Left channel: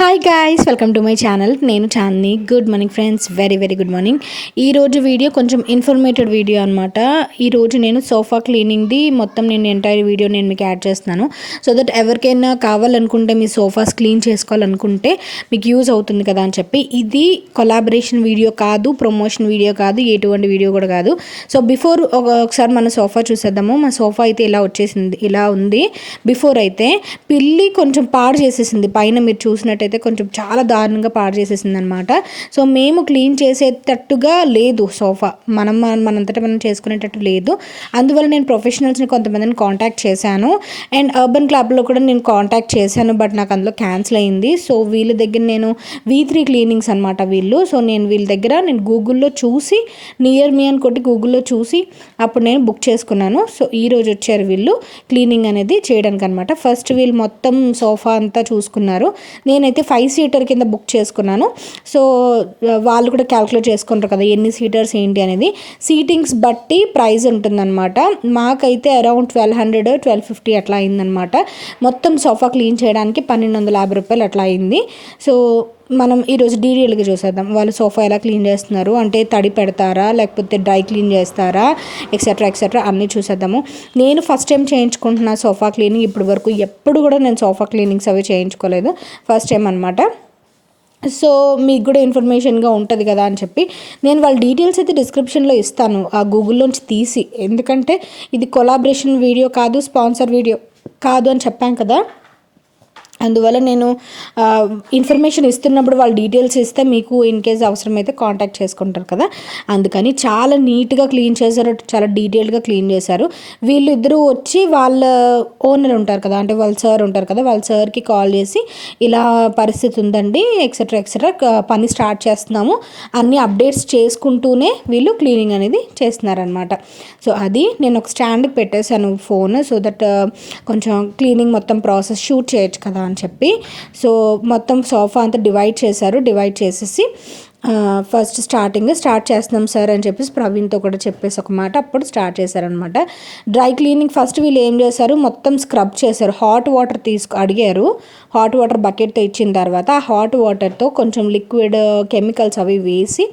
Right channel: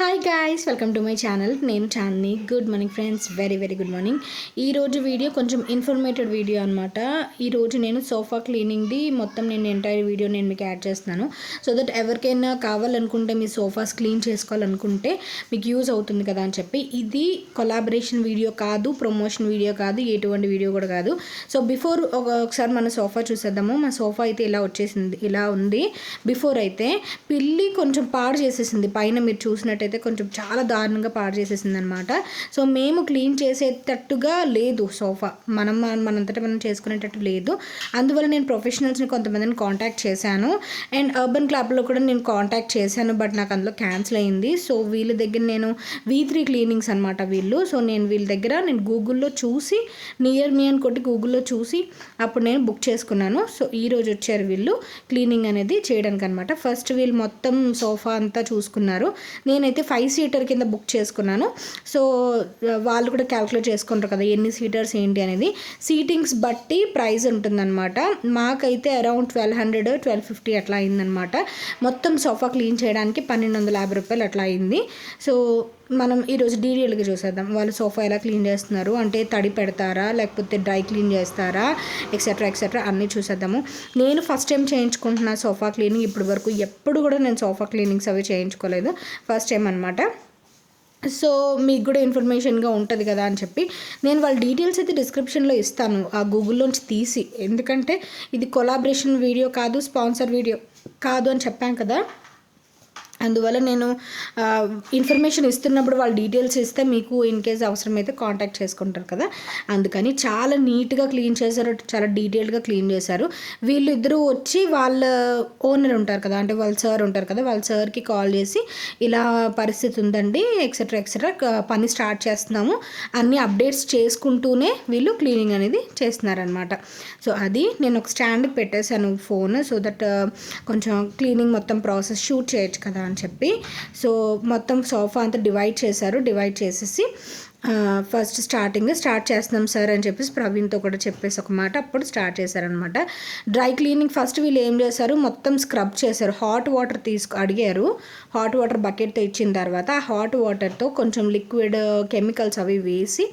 Hi guys, welcome to my channel. నేను Chandini. Good morning friends, very very good morning. ఈరోజు video కొంచెం informative video అనమాట. ఈరోజు నేను సోఫా క్లీనింగ్ది మొత్తం నేను ఎంటైర్ వీడియో నేను మీకు యాడ్ చేస్తున్నాను. సో దట్ ఎవరికైనా కావాలనుకుంటే మీ సోఫాస్ క్లీన్ చేసుకోవాలనుకుంటే మీకు యూజ్ అవుతుంది కదా అని చెప్పి. ఇది కొలాబరేషన్ వీడియో కాదు, ప్రమోషన్ వీడియో కాదు, ఎటువంటి వీడియో కూడా కాదు. సో బిఫోర్ ఒకసారి మన సోఫా చూసేద్దాము. మా సోఫా అయితే ఇలా వచ్చేసింది, ఇలా ఉంది. బిఫోర్ అయితే పిల్లి కొంచెం పాడు చేసేసింది. పైన మీరు చూసినట్టయితే కొంచెం చాలా దారుణంగా పాడు చేసేసింది అనమాట. సో మేము క్లీన్ చేసేటట్టుగా లేదు సోఫా, మనంతటా మనం చేసుకునేటట్టు లేదు. అందువల్ల నేను ప్రొఫెషనల్స్ని కొంతమందిని కాంటాక్ట్ చేశాను. అండ్ అర్బన్ క్లబ్లో కూడా నేను కాంటాక్ట్ చేశాను, బట్ నాకు అందులో క్యాన్సిల్ అయింది. సో వీళ్ళ దగ్గర నేను V3 క్లీనింగ్స్ అనమాట వీళ్ళు. సో నేను వీళ్ళ దగ్గర నేను గూగుల్లో చూసి, నియర్ మీ అని కొట్టి గూగుల్లో చూసి అప్పుడు నేను బుక్ చేసుకున్నాను. సో ఈరోజు వచ్చారు వీళ్ళు క్లీనింగ్ అనేది చేయడానికి అనమాట. ఫస్ట్ వీళ్ళు మొత్తం సోఫా అంతా చూసుకున్నారు. నేనైతే 5 సీటర్ కింద బుక్ చేసుకున్నాను. సో వాళ్ళు కూడా క్యాల్కులేట్ చేసుకుంటారు కదా ఎన్ని సీటర్స్ ఏంటి అనేది. సీటింగ్స్ బట్టి ప్రైస్ ఉంటుందన్నమాట. మాకైతే అరౌండ్ 1200 1250 అట్లా అయిందనమాట. మొత్తం సోఫా క్లీన్ చేయడానికి 1250 రూపాయలు అట్లా అయింది. సో మనం ఈరోజు డీటెయిల్గా చూసేద్దాం. వాళ్ళు సోఫా ఎలా క్లీన్ చేస్తున్నారు, అంటే తడి పెడతారా లేకపోతే డ్రై క్లీన్ చేస్తారా, ఎక్సెట్రా అన్నీ చూసేద్దాము. నేను ఫస్ట్ టైం చేయించుకుంటున్నా సోఫా క్లీనింగ్. ఇప్పుడు వరకు ఎప్పుడు కూడా నేను సోఫా క్లీనింగ్స్ అవి చేయించుకోలేదు, ఫస్ట్ టైం అనమాట. సో మీకు కూడా ఇన్ఫర్మేషన్గా ఉంటుంది కదా అని చెప్పి నేను వాళ్ళ డీటెయిల్స్ అయితే డిస్క్రిప్షన్లో ఇస్తాను, ఆ గూగుల్లోంచి తీసి. ఎందుకంటే ఇది కొలాబరేషన్ వీడియో కాదు, స్పాన్సర్ వీడియో కాదు అని చెప్పాను కదా. అందువల్ల నేను ఇన్ఫర్మేషన్ ఇస్తున్నప్పుడు వాళ్ళ డీటెయిల్స్ ఇస్తే మీకు ఇన్ కేస్ అవసరమైతే కాంటాక్ట్ చేసుకుంటారు కదా. అందుకని చాలా నీట్గా క్లీన్ చేశారు, చాలా డీటెయిల్డ్గా క్లీన్ చేశారు. వీళ్ళిద్దరూ వచ్చి వాళ్ళ ఓనర్ ఉంటారు కదా, అంటే వాళ్ళ సార్ ఉంటారు కదా, వాళ్ళ సార్కి కాల్ చేసి ఇలా పరిస్థితి ఉందండి, ఎక్సెట్రా పని స్టార్ట్ చేస్తున్నాము అన్ని అప్డేట్స్ చేసుకుంటూనే వీళ్ళు క్లీనింగ్ అనేది చేస్తున్నారనమాట. సో అది నేను ఒక స్టాండ్కి పెట్టేశాను ఫోన్, సో దట్ కొంచెం క్లీనింగ్ మొత్తం ప్రాసెస్ షూట్ చేయొచ్చు కదా అని చెప్పి. సో మొత్తం సోఫా అంతా డివైడ్ చేశారు. డివైడ్ చేసేసి ఫస్ట్ స్టార్ట్ చేస్తున్నాం సార్ అని చెప్పేసి ప్రవీణ్తో కూడా చెప్పేసి ఒక మాట అప్పుడు స్టార్ట్ చేశారనమాట. డ్రై క్లీనింగ్ ఫస్ట్ వీళ్ళు ఏం చేశారు, మొత్తం స్క్రబ్ చేశారు. హాట్ వాటర్ అడిగారు. హాట్ వాటర్ బకెట్తో ఇచ్చిన తర్వాత ఆ హాట్ వాటర్తో కొంచెం లిక్విడ్ కెమికల్స్ అవి వేసి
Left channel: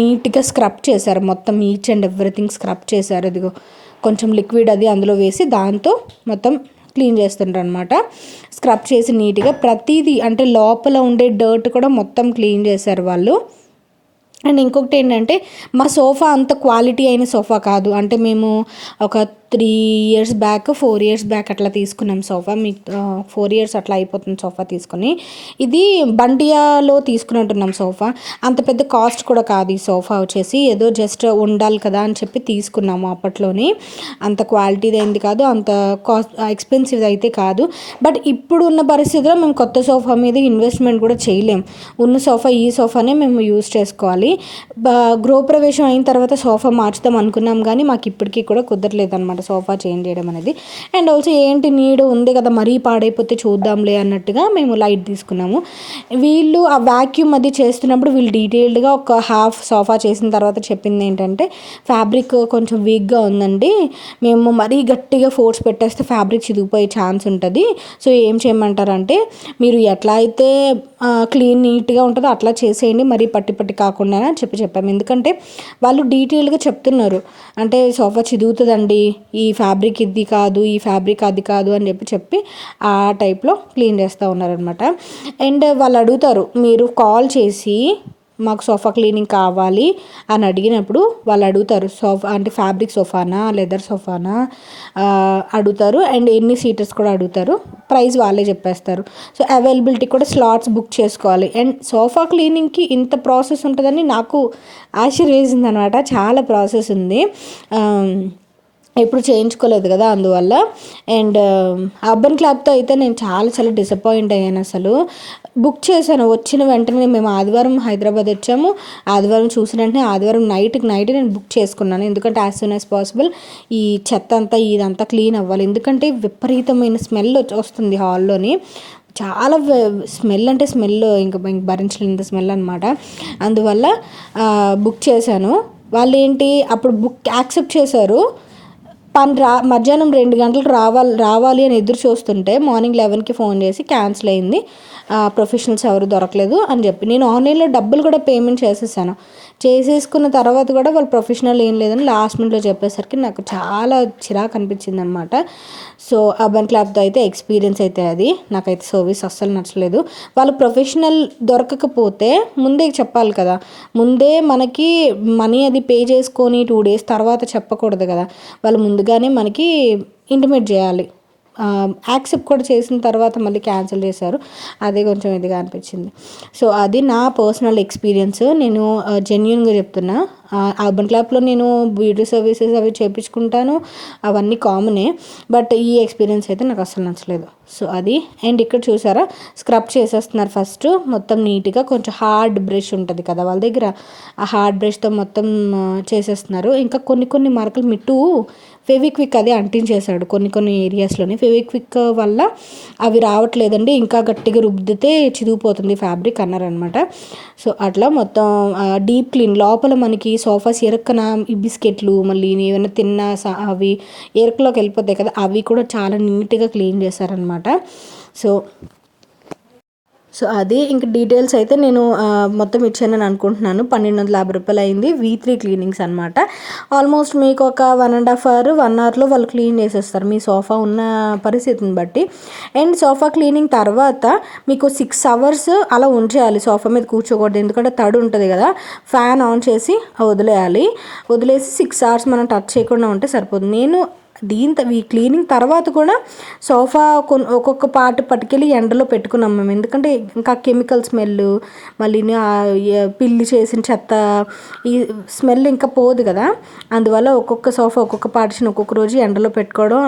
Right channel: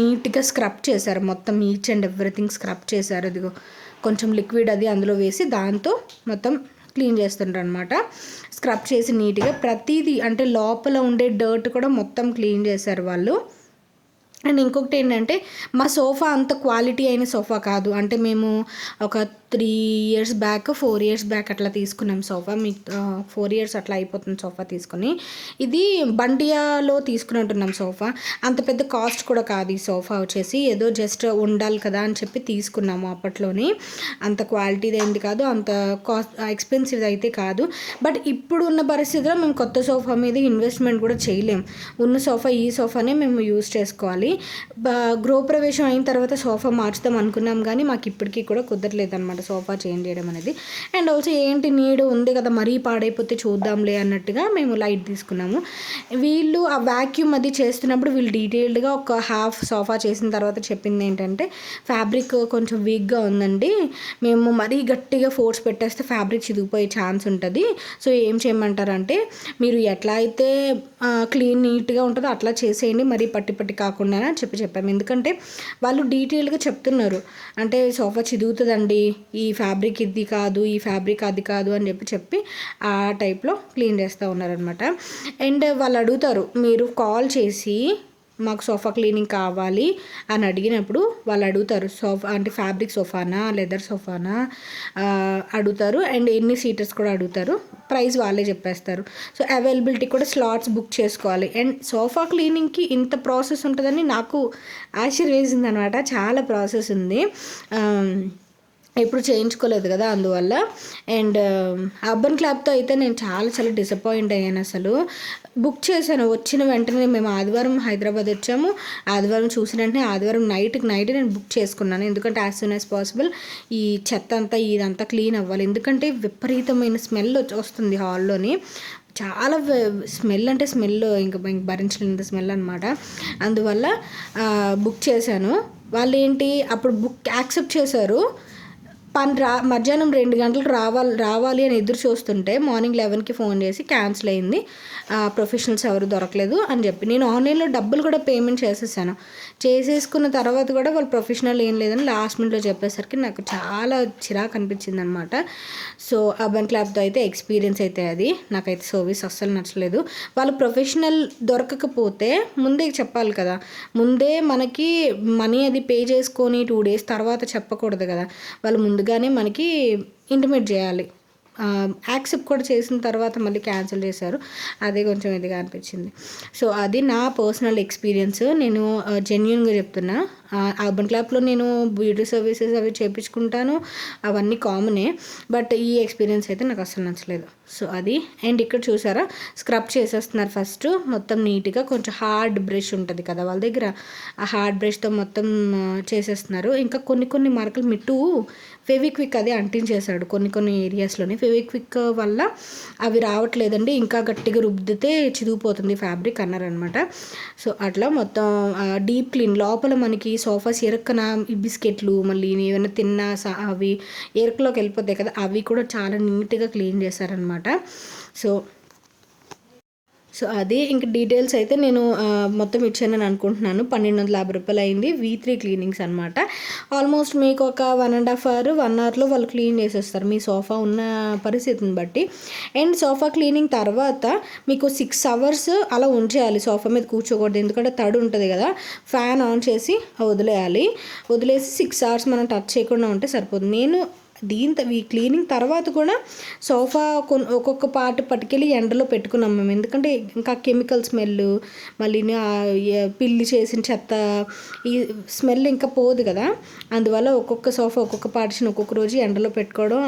నీట్గా స్క్రబ్ చేశారు. మొత్తం ఈచ్ అండ్ ఎవ్రీథింగ్ స్క్రబ్ చేశారు. అదిగో కొంచెం లిక్విడ్ అది అందులో వేసి దాంతో మొత్తం క్లీన్ చేస్తుంటారు అనమాట. స్క్రబ్ చేసి నీట్గా ప్రతిదీ, అంటే లోపల ఉండే డర్ట్ కూడా మొత్తం క్లీన్ చేశారు వాళ్ళు. అండ్ ఇంకొకటి ఏంటంటే మా సోఫా అంత క్వాలిటీ అయిన సోఫా కాదు. అంటే మేము ఒక 3 ఇయర్స్ బ్యాక్ 4 ఇయర్స్ బ్యాక్ అట్లా తీసుకున్నాం సోఫా. మీకు 4 ఇయర్స్ అట్లా అయిపోతుంది సోఫా తీసుకుని. ఇది బండియాలో తీసుకున్నట్టున్నాం సోఫా. అంత పెద్ద కాస్ట్ కూడా కాదు ఈ సోఫా వచ్చేసి, ఏదో జస్ట్ ఉండాలి కదా అని చెప్పి తీసుకున్నాము అప్పట్లోనే. అంత క్వాలిటీది అయింది కాదు, అంత ఎక్స్పెన్సివ్ అయితే కాదు. బట్ ఇప్పుడు ఉన్న పరిస్థితిలో మేము కొత్త సోఫా మీద ఇన్వెస్ట్మెంట్ కూడా చేయలేం. ఉన్న సోఫా ఈ సోఫానే మేము యూజ్ చేసుకోవాలి. గృహప్రవేశం అయిన తర్వాత సోఫా మార్చుదాం అనుకున్నాం కానీ మాకు ఇప్పటికీ కూడా కుదరలేదు అనమాట సోఫా చేంజ్ చేయడం అనేది. అండ్ ఆల్సో ఏంటి నీడ్ ఉంది కదా, మరీ పాడైపోతే చూద్దాంలే అన్నట్టుగా మేము లైట్ తీసుకున్నాము. వీళ్ళు ఆ వ్యాక్యూమ్ అది చేస్తున్నప్పుడు వీళ్ళు డీటెయిల్డ్గా ఒక హాఫ్ సోఫా చేసిన తర్వాత చెప్పింది ఏంటంటే ఫ్యాబ్రిక్ కొంచెం వీక్గా ఉందండి, మేము మరీ గట్టిగా ఫోర్స్ పెట్టేస్తే ఫ్యాబ్రిక్ చిరిగిపోయే ఛాన్స్ ఉంటుంది. సో ఏం చేయమంటారంటే మీరు ఎట్లా అయితే క్లీన్ నీట్గా ఉంటుందో అట్లా చేసేయండి, మరీ పట్టి కాకుండా అని చెప్పాము. ఎందుకంటే వాళ్ళు డీటెయిల్గా చెప్తున్నారు, అంటే సోఫా చిదుగుతుందండి, ఈ ఫ్యాబ్రిక్ ఇది కాదు, ఈ ఫ్యాబ్రిక్ అది కాదు అని చెప్పి ఆ టైప్లో క్లీన్ చేస్తూ ఉన్నారనమాట. అండ్ వాళ్ళు అడుగుతారు, మీరు కాల్ చేసి మాకు సోఫా క్లీనింగ్ కావాలి అని అడిగినప్పుడు వాళ్ళు అడుగుతారు, సోఫా అంటే ఫ్యాబ్రిక్ సోఫానా లెదర్ సోఫానా అడుగుతారు. అండ్ ఎన్ని సీటర్స్ కూడా అడుగుతారు. ప్రైస్ వాళ్ళే చెప్పేస్తారు. సో అవైలబిలిటీ కూడా స్లాట్స్ బుక్ చేసుకోవాలి. అండ్ సోఫా క్లీనింగ్కి ఇంత ప్రాసెస్ ఉంటుందని నాకు ఆశ్చర్యం అనమాట. చాలా ప్రాసెస్ ఉంది, ఎప్పుడు చేయించుకోలేదు కదా అందువల్ల. అండ్ అర్బన్ క్లబ్తో అయితే నేను చాలా డిసప్పాయింట్ అయ్యాను. అసలు బుక్ చేశాను, వచ్చిన వెంటనే మేము ఆదివారం హైదరాబాద్ వచ్చాము. ఆదివారం చూసిన వెంటనే ఆదివారం నైట్కి నేను బుక్ చేసుకున్నాను. ఎందుకంటే యాజ్ సూన్ యాజ్ పాసిబుల్ ఈ చెత్త అంతా ఇదంతా క్లీన్ అవ్వాలి. ఎందుకంటే విపరీతమైన స్మెల్ వస్తుంది హాల్లోని. చాలా స్మెల్ అంటే స్మెల్ ఇంకా భరించలేని స్మెల్ అనమాట. అందువల్ల బుక్ చేశాను. వాళ్ళు ఏంటి అప్పుడు బుక్ యాక్సెప్ట్ చేశారు. మధ్యాహ్నం 2 గంటలకు రావాలి అని ఎదురు చూస్తుంటే మార్నింగ్ 11కి ఫోన్ చేసి క్యాన్సిల్ అయింది. ప్రొఫెషనల్స్ ఎవరు దొరకలేదు అని చెప్పి నేను ఆన్లైన్లో డబ్బులు కూడా పేమెంట్ చేసేసుకున్న తర్వాత కూడా వాళ్ళు ప్రొఫెషనల్ ఏం లేదని లాస్ట్ మినిట్లో చెప్పేసరికి నాకు చాలా చిరాకు అనిపించింది అనమాట. సో అర్బన్ క్లాప్తో అయితే ఎక్స్పీరియన్స్ అయితే అది నాకైతే సర్వీస్ అస్సలు నచ్చలేదు. వాళ్ళు ప్రొఫెషనల్ దొరకకపోతే ముందే చెప్పాలి కదా, ముందే మనకి మనీ అది పే చేసుకొని 2 days తర్వాత చెప్పకూడదు కదా, వాళ్ళు ముందుగానే మనకి ఇంటిమేట్ చేయాలి. యాక్సెప్ట్ కూడా చేసిన తర్వాత మళ్ళీ క్యాన్సిల్ చేశారు. అదే కొంచెం ఇదిగా అనిపించింది. సో అది నా పర్సనల్ ఎక్స్పీరియన్స్. నేను జెన్యున్గా చెప్తున్నా. అర్బన్ క్లాప్లో నేను బ్యూటీ సర్వీసెస్ అవి చేయించుకుంటాను, అవన్నీ కామనే. బట్ ఈ ఎక్స్పీరియన్స్ అయితే నాకు అసలు నచ్చలేదు. సో అది. అండ్ ఇక్కడ చూసారా, స్క్రబ్ చేసేస్తున్నారు ఫస్ట్ మొత్తం నీట్గా. కొంచెం హార్డ్ బ్రష్ ఉంటుంది కదా వాళ్ళ దగ్గర, ఆ హార్డ్ బ్రష్తో మొత్తం చేసేస్తున్నారు. ఇంకా కొన్ని మరకలు మిట్టు ఫెవిక్విక్ అది అంటించేశాడు కొన్ని ఏరియాస్లోని. ఫెవిక్విక్ వల్ల అవి రావట్లేదండి, ఇంకా గట్టిగా రుద్దితే చిరిగిపోతుంది ఫ్యాబ్రిక్ అన్నారనమాట. సో అట్లా మొత్తం డీప్ క్లీన్ లోపల మనకి సోఫాస్ ఎరక్కన ఈ బిస్కెట్లు మళ్ళీ ఏమైనా అవి ఎరకలోకి వెళ్ళిపోతాయి కదా, అవి కూడా చాలా నీట్గా క్లీన్ చేశారనమాట. సో అది. ఇంక డీటెయిల్స్ అయితే నేను మొత్తం ఇచ్చానని అనుకుంటున్నాను. 1250 రూపాయలు అయింది. V3 క్లీనింగ్స్ అనమాట. ఆల్మోస్ట్ మీకు ఒక 1.5 hour 1 hourలో వాళ్ళు క్లీన్ చేసేస్తారు మీ సోఫా ఉన్న పరిస్థితిని బట్టి. అండ్ సోఫా క్లీనింగ్ తర్వాత మీకు 6 hours అలా ఉంచేయాలి, సోఫా మీద కూర్చోకూడదు, ఎందుకంటే తడి ఉంటుంది కదా. ఫ్యాన్ ఆన్ చేసి వదిలేసి 6 hours మనం టచ్ చేయకుండా ఉంటే సరిపోతుంది. నేను ఈ క్లీనింగ్ తర్వాత కూడా సోఫా ఒక్కొక్క పార్ట్ పట్టుకెళ్ళి ఎండలో పెట్టుకున్నాం మేము, ఎందుకంటే ఇంకా కెమికల్ స్మెల్, మళ్ళీ పిల్లి చేసిన చెత్త, ఈ స్మెల్ ఇంకా పోదు కదా. అందువల్ల ఒక్కొక్క సోఫా ఒక్కొక్క పార్టిషన్ ఒక్కొక్క రోజు ఎండలో పెట్టుకోవడం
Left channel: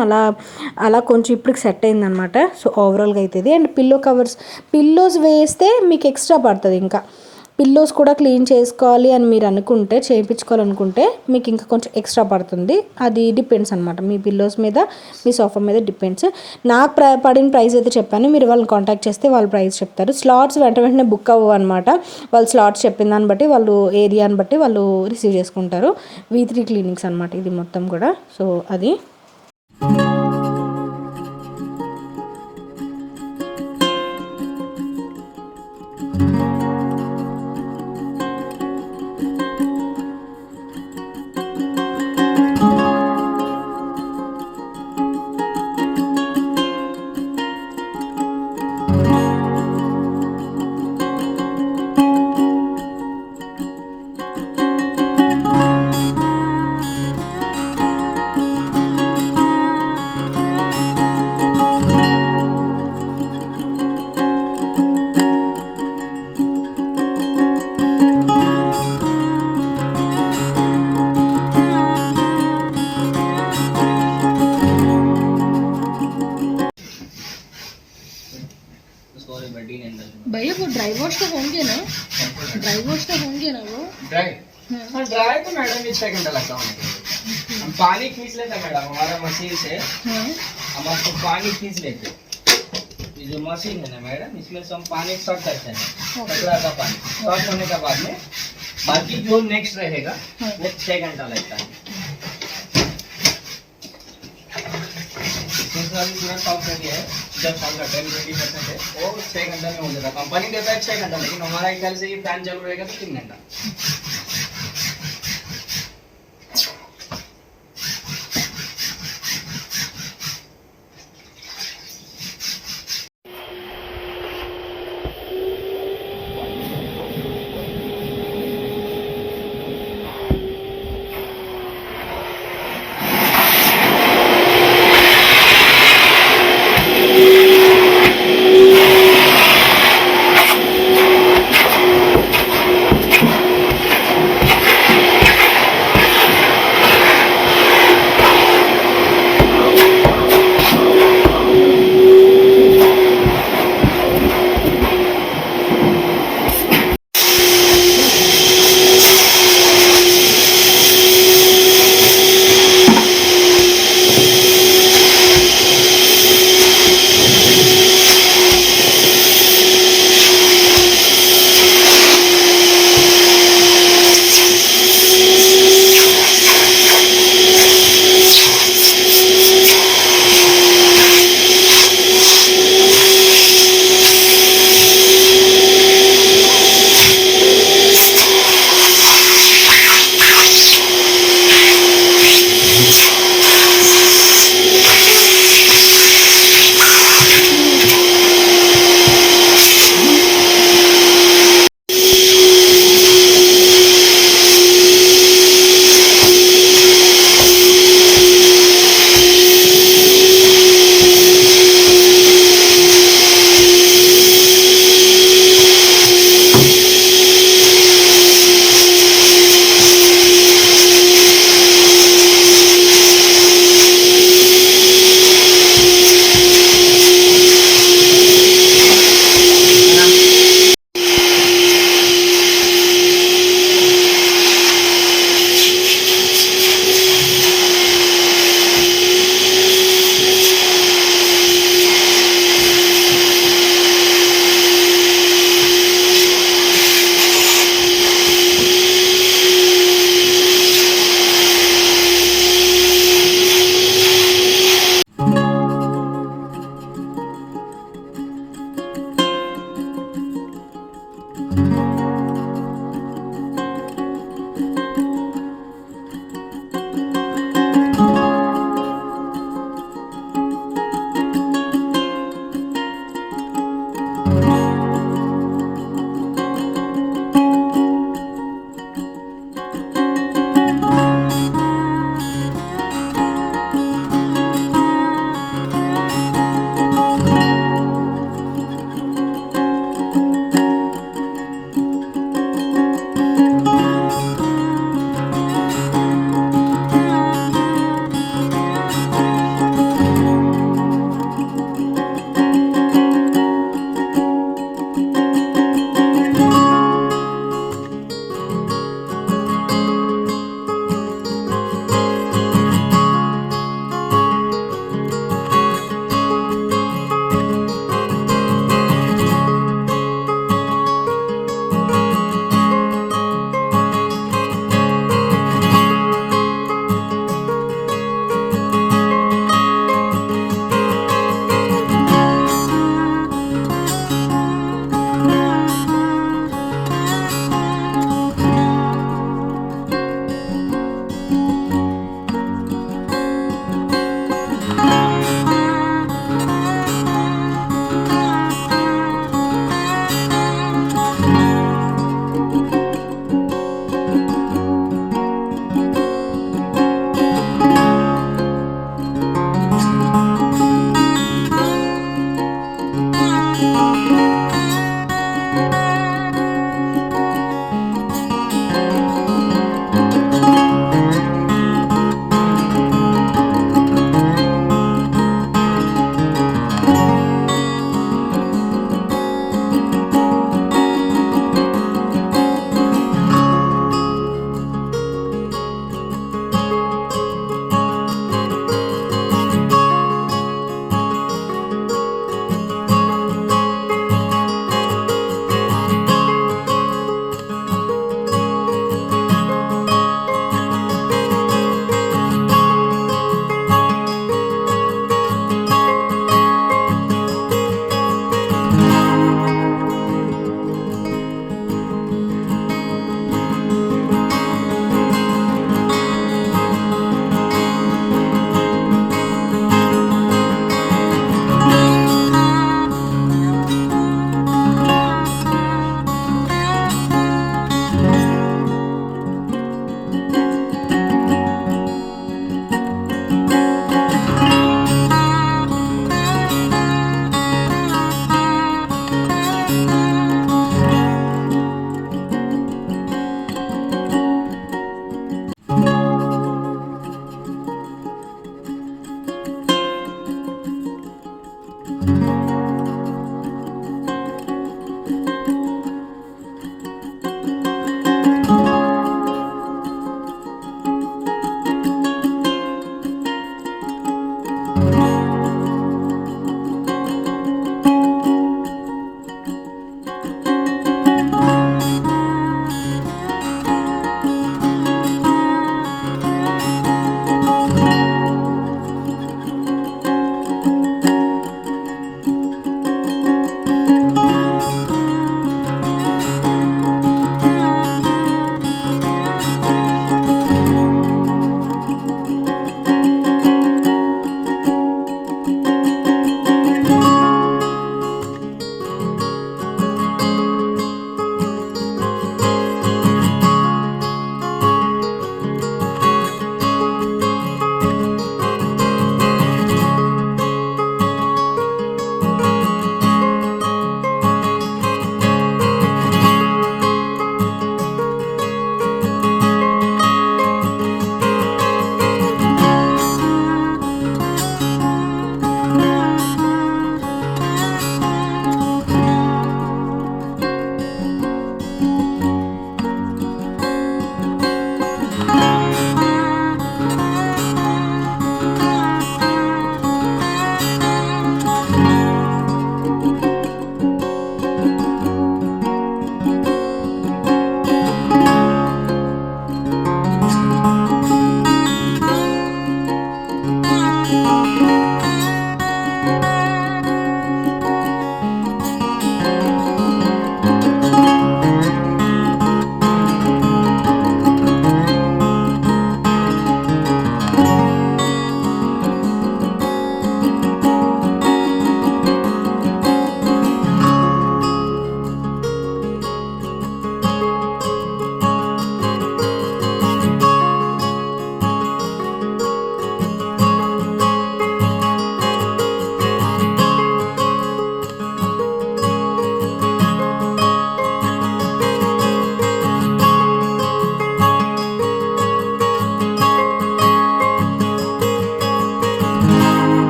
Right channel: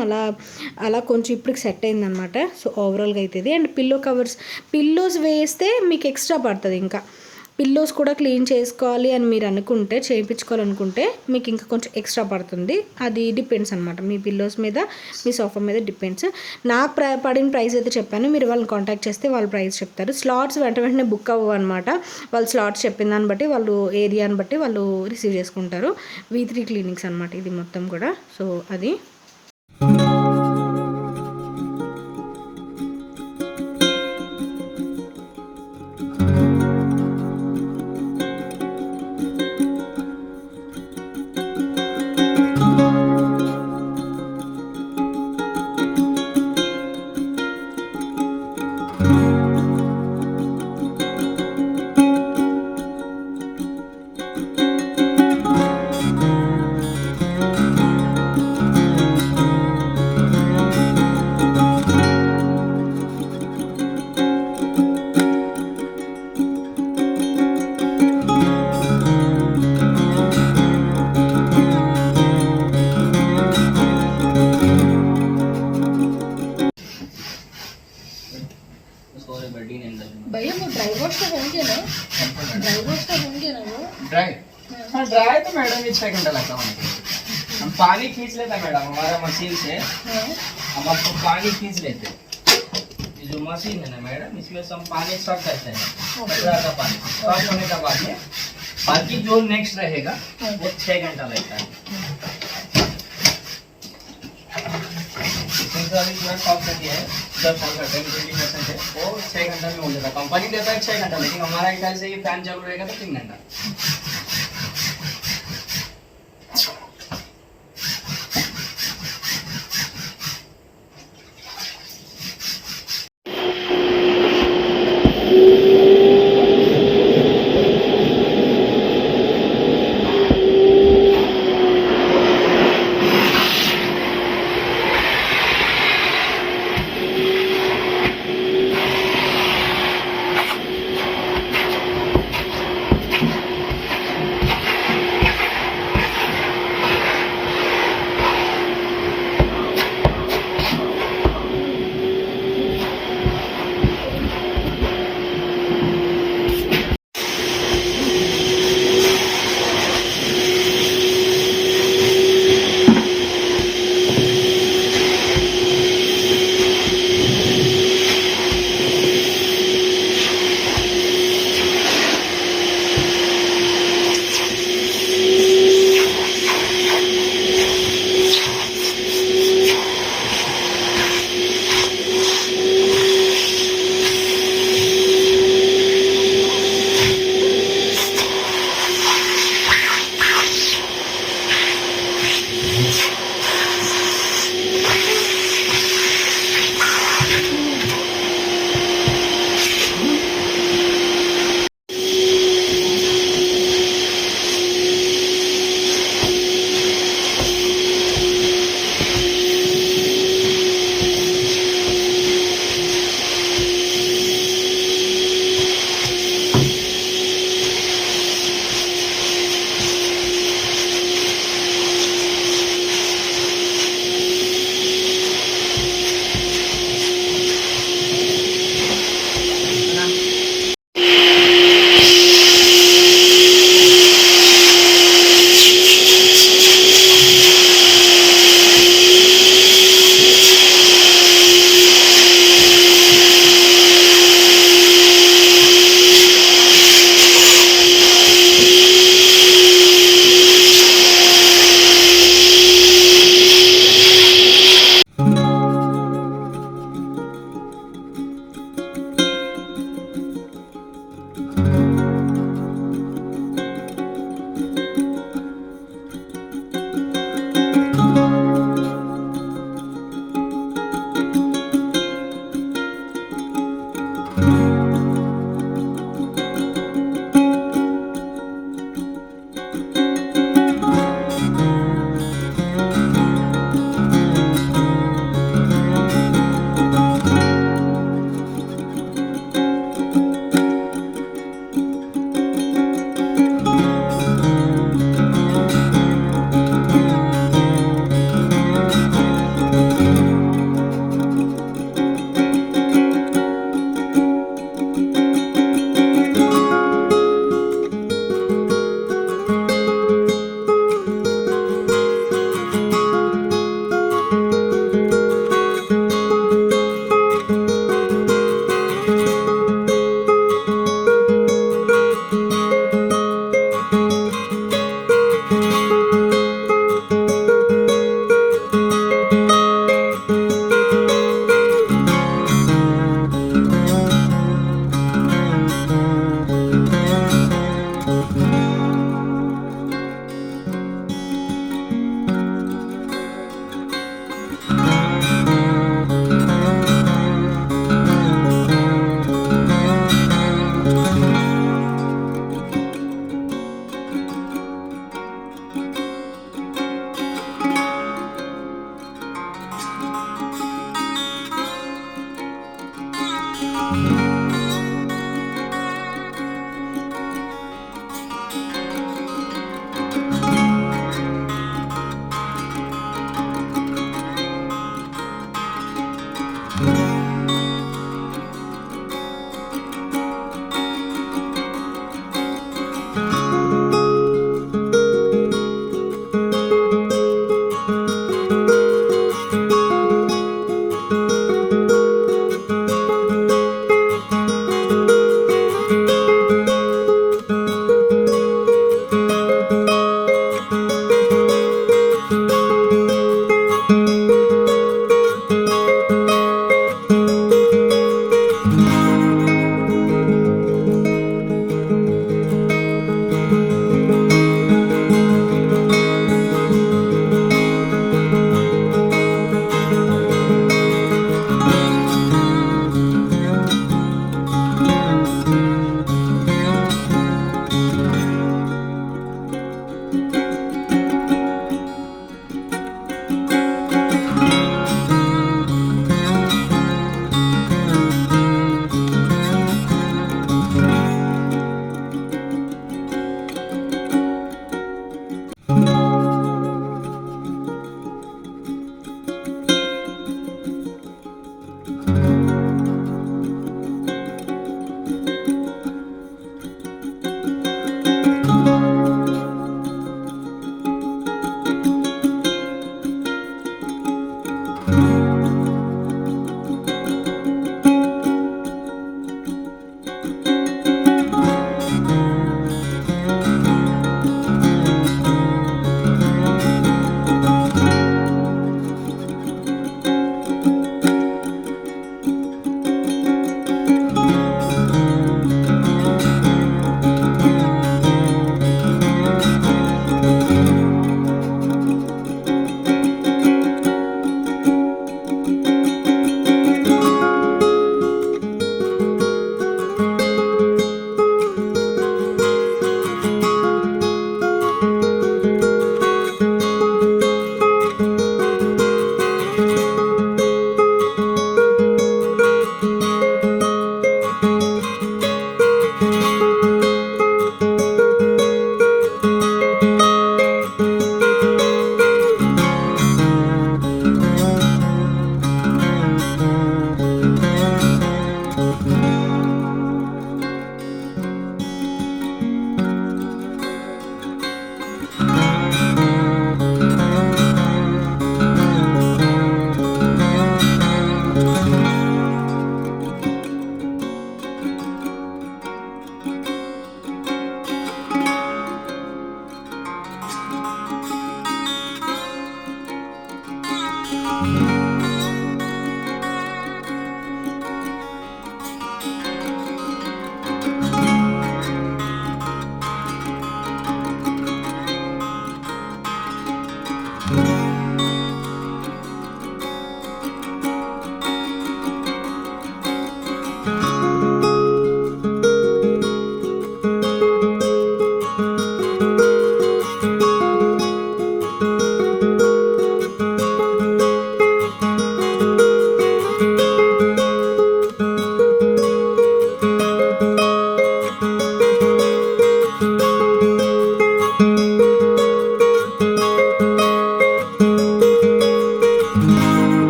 అలా కొంచెం ఇప్పటికి సెట్ అయిందనమాట. సో ఓవరాల్గా అయితే ఇది. అండ్ పిల్లోస్ వేస్తే మీకు ఎక్స్ట్రా పడుతుంది. ఇంకా పిల్లోస్ కూడా క్లీన్ చేసుకోవాలి అని మీరు చేయించుకోవాలనుకుంటే మీకు ఇంకా కొంచెం ఎక్స్ట్రా పడుతుంది. అది డిపెండ్స్ అనమాట, మీ పిల్లోస్ మీద మీ సోఫా మీద డిపెండ్స్. నాకు పడిన ప్రైస్ అయితే చెప్పాను, మీరు వాళ్ళని కాంటాక్ట్ చేస్తే వాళ్ళు ప్రైస్ చెప్తారు. స్లాట్స్ వెంటనే బుక్ అవ్వవు అనమాట. వాళ్ళు స్లాట్స్ చెప్పిన దాన్ని బట్టి, వాళ్ళు ఏరియాని బట్టి వాళ్ళు రిసీవ్ చేసుకుంటారు. V3 క్లీనింగ్స్ అనమాట ఇది మొత్తం కూడా. సో అది. भैया वो ड्राई वॉश तो होंगे ना, वो ड्राई तो मैडम 6 घंटा लगता है। हम पानी खींच लेते मैडम हमारा मशीन से। हम आपको पानी खींच लेते। ये जो मशीन है ना मैडम, इसमें से हम पानी सब करते हैं, कचरा का पानी सब होने के बाद में बाकी जो नेक्स्ट रहेगा वो 6 घंटा लगता है। अभी पूरा सॉफ्ट कर दिया है, जब सॉल्व करते हैं 20% है वो 6 घंटा में हो जाता है। कंपनी देता है 6 घंटा, लेकिन हमारा ख्याल से ये फैन चालू रहेगा तो 3 घंटा।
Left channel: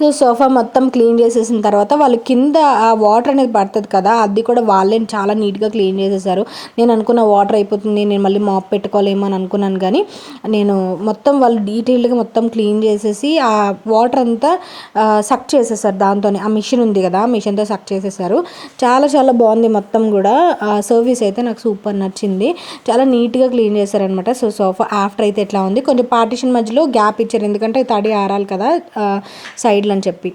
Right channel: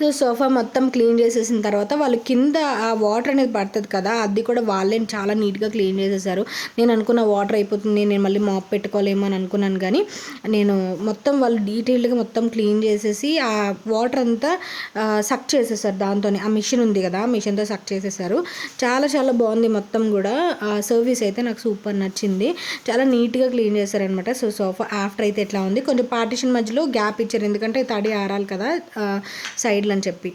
సో సోఫా మొత్తం క్లీన్ చేసేసిన తర్వాత వాళ్ళు కింద ఆ వాటర్ అనేది పడుతుంది కదా, అది కూడా వాళ్ళే చాలా నీట్గా క్లీన్ చేసేసారు. నేను అనుకున్న వాటర్ అయిపోతుంది, నేను మళ్ళీ మాప్ పెట్టుకోలేమో అని అనుకున్నాను, కానీ నేను మొత్తం వాళ్ళు డీటెయిల్డ్గా మొత్తం క్లీన్ చేసేసి ఆ వాటర్ అంతా సక్ చేసేసారు. దాంతో ఆ మిషన్ ఉంది కదా, ఆ మిషన్తో సక్ చేసేసారు. చాలా చాలా బాగుంది మొత్తం కూడా. సర్వీస్ అయితే నాకు సూపర్ నచ్చింది. చాలా నీట్గా క్లీన్ చేశారనమాట. సో సోఫా ఆఫ్టర్ అయితే ఎట్లా ఉంది, కొంచెం పార్టిషన్ మధ్యలో గ్యాప్ ఇచ్చారు, ఎందుకంటే తడి ఆరాలి కదా సైడ్లో అని చెప్పి.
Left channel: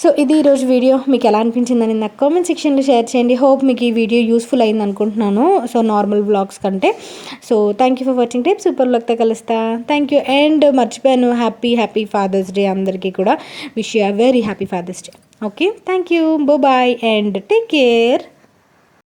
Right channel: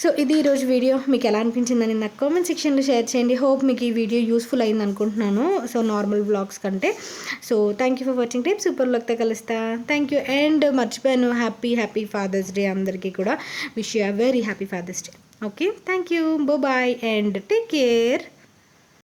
సో ఇది ఈరోజు వీడియో. మీకు ఎలా అనిపించిందని నాకు కామెంట్ సెక్షన్లో షేర్ చేయండి. హోప్ మీకు ఈ వీడియో యూస్ఫుల్ అయింది అనుకుంటున్నాను, సో నార్మల్ వ్లాగ్స్ కంటే. So thank you for watching. రేపు సూపర్ వ్లాగ్తో కలుస్తా. Thank you. అండ్ మర్చిపోయాను, హ్యాపీ ఫాదర్స్ డే అందరికీ కూడా. Wish you a very happy father's day. Okay, thank you, bye and take care.